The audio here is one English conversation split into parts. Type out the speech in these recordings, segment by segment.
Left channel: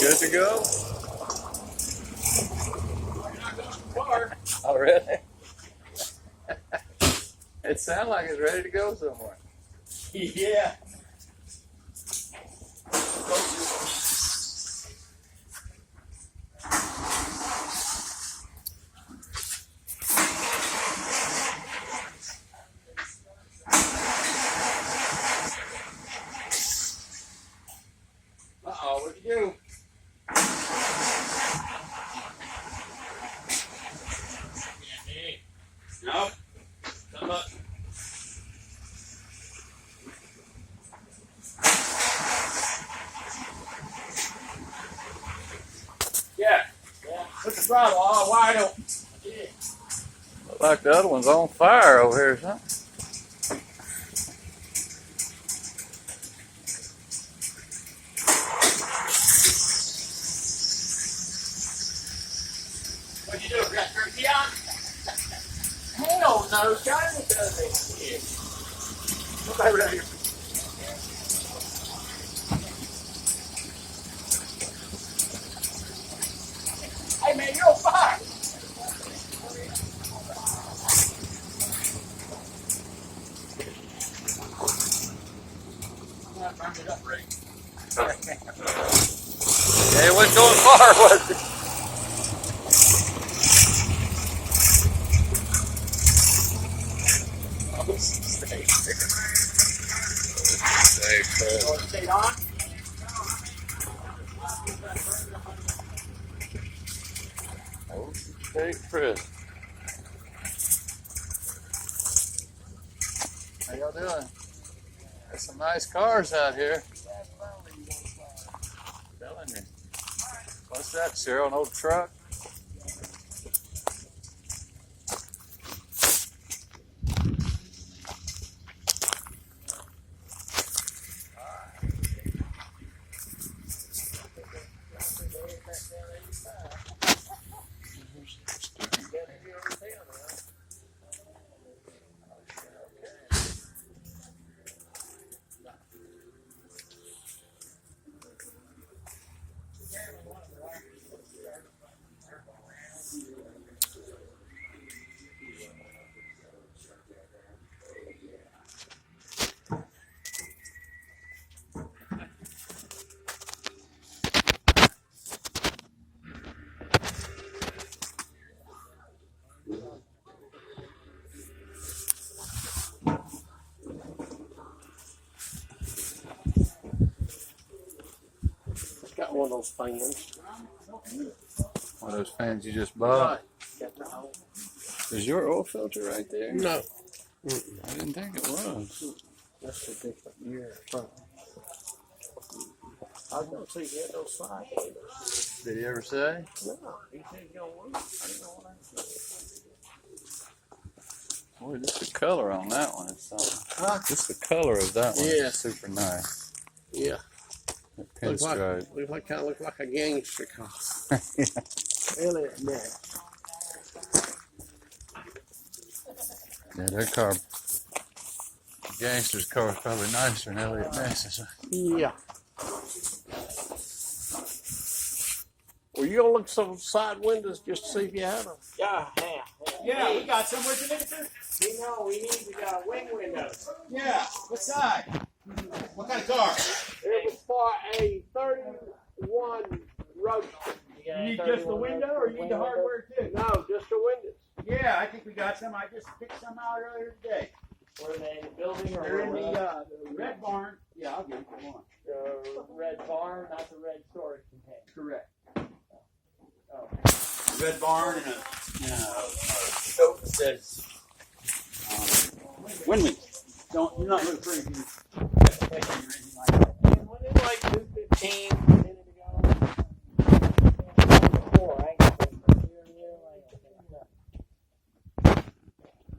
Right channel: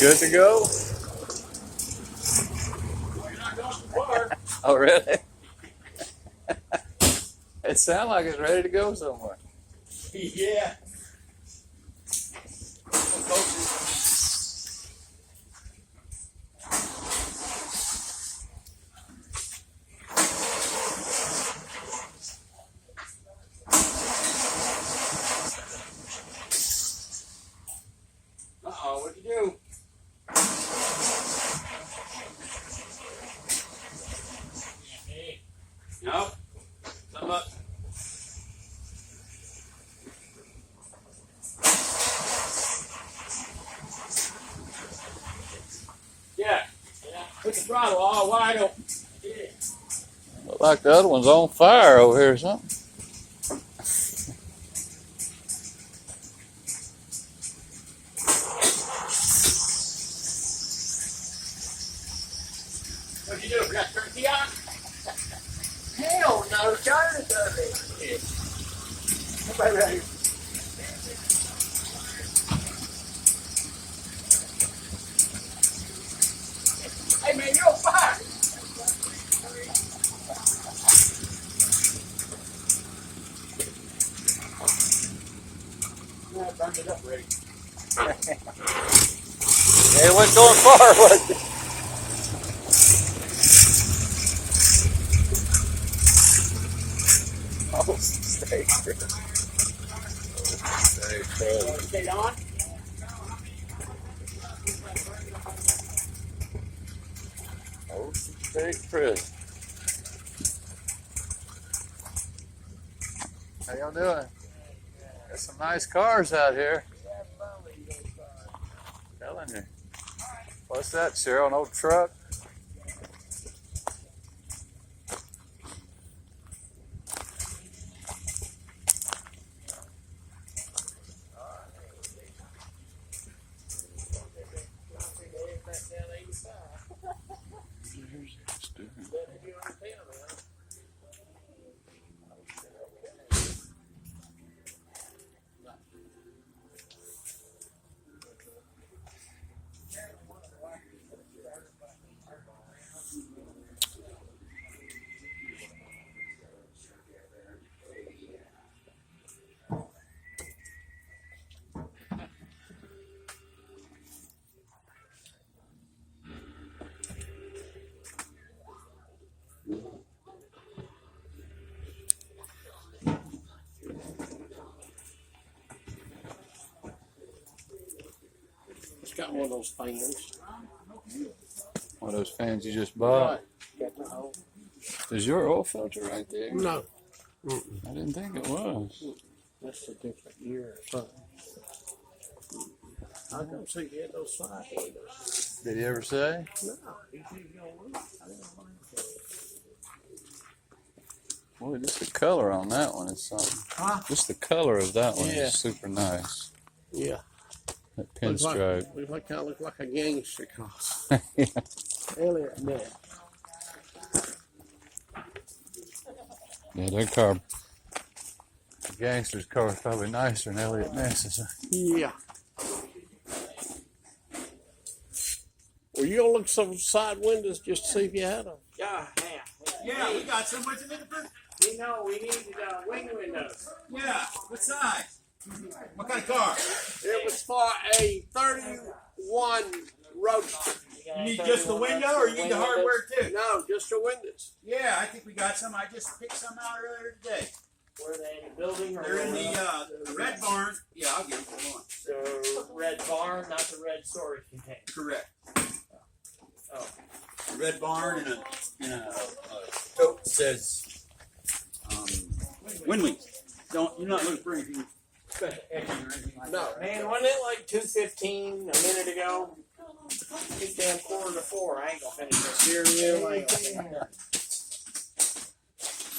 Good to go? Oh, really? It sounds like it's ready to go somewhere. Yeah. Uh-oh, what'd you do? Nope. Come up. Yeah. Put the throttle all wide open. Look like the other one's on fire over here or something. What'd you do? Got turkey on? Hell no, China does it. What's that right here? Hey man, you're on fire. Yeah, I burned it up, Ray. It wasn't going far, was it? Oh, stay clear. Stay clear. Stay on. Oh, stay clear. How y'all doing? There's some nice cars out here. Telling you. What's that, Cheryl? An old truck? Got one of those fans. One of those fans you just bought. Got the hole. Is your oil filter right there? No. I didn't think it was. That's a different year or something. I was going to see if you had those slide windows. Did he ever say? No, he said he's going to work. I didn't know what happened. Boy, just the color on that one is something. Huh? Just the color of that one Yeah. is super nice. Yeah. That Looks pinstripe. kind of look like a gangster car. Yeah. Elliot Ness. Yeah, their car, the gangster's car is probably nicer than Elliot Ness's. Yeah. Well, you gonna look at some side windows just to see if you had them? Yeah. Yeah, we got some. What you looking for? We know we need wing windows. Yeah. What side? What kind of car? It was for a 31 Roadster. You need just the window, or you need the hardware too? No, just the windows. Yeah, I think we got some. I just picked some out earlier today. Were they in the building or? They're in the red barn. Yeah, I'll give you one. So red barn, not the red storage container. Correct. Oh. Red barn and a note that says Win-wins. You're not looking for anything special or anything like that. Man, wasn't it like 2:15 a minute ago? It's damn 3:45. I ain't gonna finish this steering wheel. I ain't gonna finish it.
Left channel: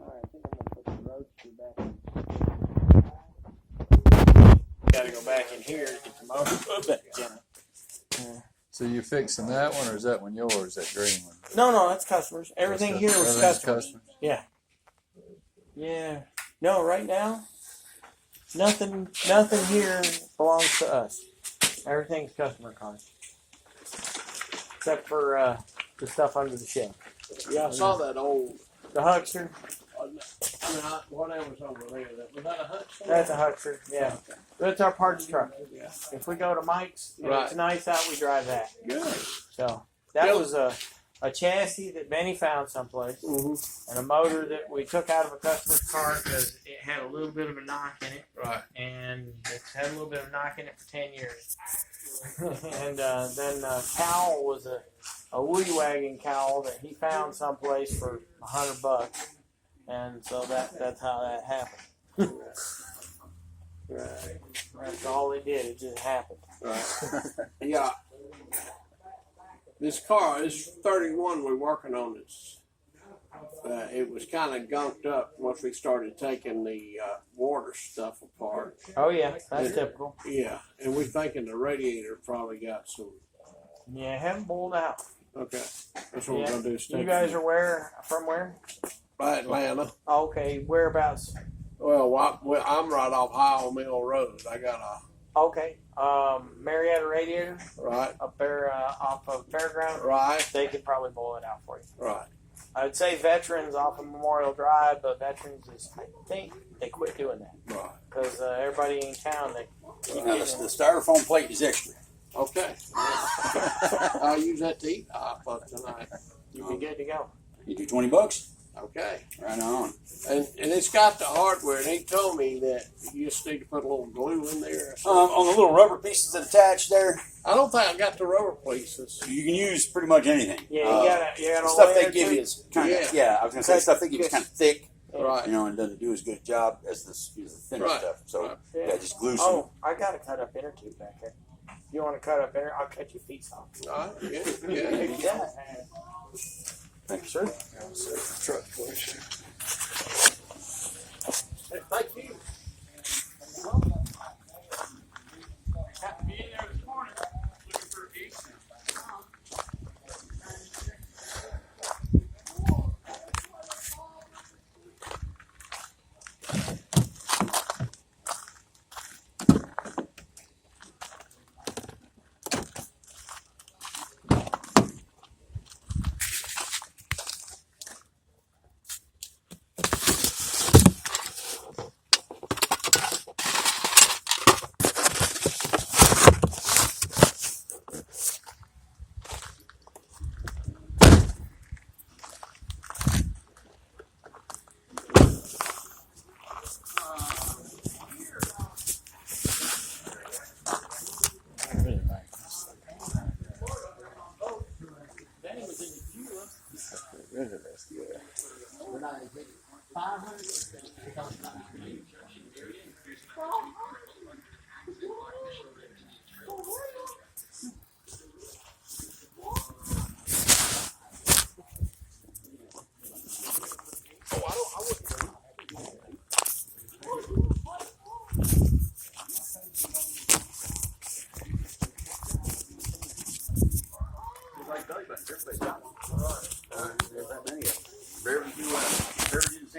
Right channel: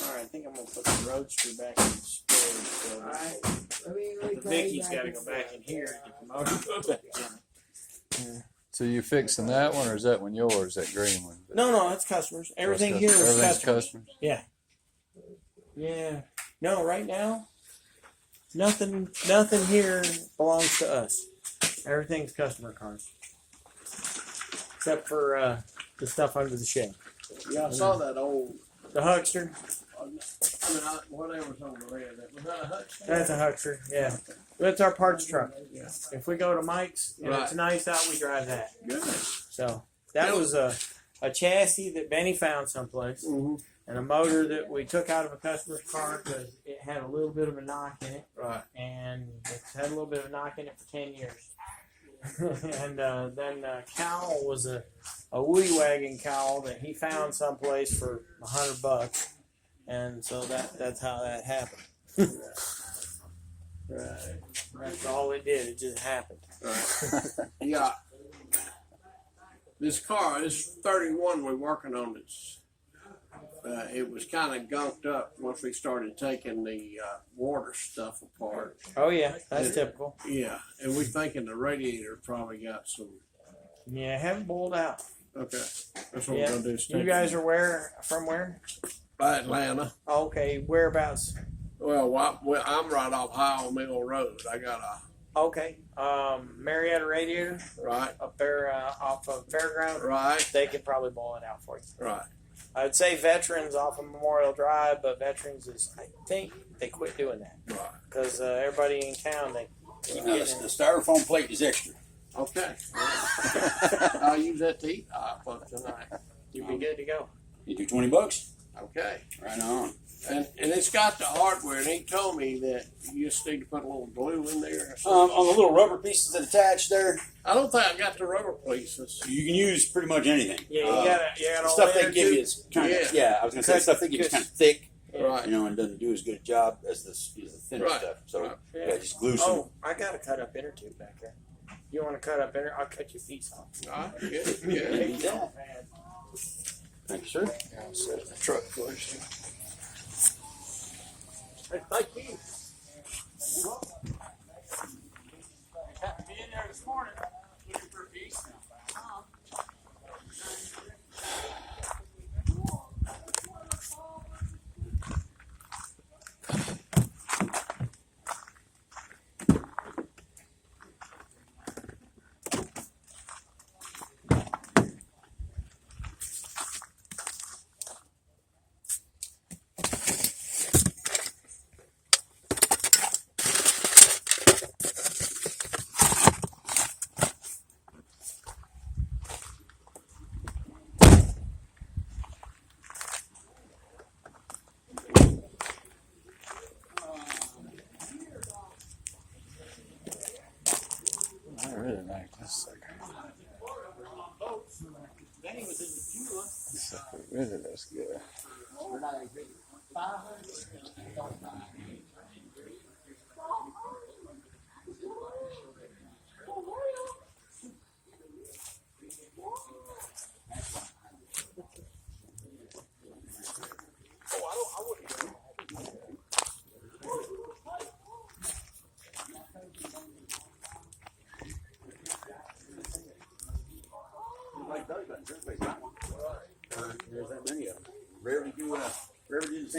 Alright, I think I'm gonna put the roadster back in the store. Alright. Vicky's gotta go back in here to get the motor put back in. So you fixing that one, or is that one yours? That green one? No, that's customers. Everything here was Everything's customers. Yeah. Yeah. No, right now, nothing here belongs to us. Everything's customer cars. Except for the stuff under the shed. Yeah, I saw that old. The Huckster. Whatever's over there. Was that a Huckster? That's a Huckster, yeah. That's our parts truck. Yeah. If we go to Mike's and Right. it's nice out, we drive that. Good. So that was a chassis that Benny found someplace, and a motor that we took out of a customer's car because it had a little bit of a knock in it. Right. And it's had a little bit of a knock in it for 10 years. And then cowl was a Woody Wagon cowl that he found someplace for $100, and so that's how that happened. Right. That's all it did. It just happened. Right. Yeah. This car, this 31 we're working on, it was kind of gunked up once we started taking the water stuff apart. Oh yeah, that's typical. Yeah, and we're thinking the radiator probably got some. Yeah, haven't boiled out. Okay, that's what Yeah. we're gonna do. You guys are from where? Atlanta. Okay, whereabouts? Well, I'm right off Howell Mill Road. I got a Okay, Marietta Radiator right, up there off of Fairground. right, They could probably boil it out for you. right. I'd say Veterans off of Memorial Drive, but Veterans is, I think they quit doing that Right. because everybody in town they keep Now, the getting. styrofoam plate is extra. Okay. I'll use that to eat hot for tonight. You'd be good to go. You do $20. Okay. Right on. And it's got the hardware, and he told me that you just need to put a little glue in there or something. On the little rubber pieces that attach there, I don't think I got the rubber pieces. you can use pretty much anything. Yeah, you got The all stuff that they give you is kind of I was gonna say Cut- stuff they give you is kind of thick, Right. you know, and doesn't do as good a job as the thinner Right. stuff. So Right. yeah, just glue some. Oh, I got a cut up inner tube back there. You want to cut up inner? I'll cut your feet off. All right. Yeah. Yeah. Thank you, sir. Truck push. Hey, thank you. Happened to be in there this morning looking for a piece. I really like this. It really looks good. We're not going to get 500.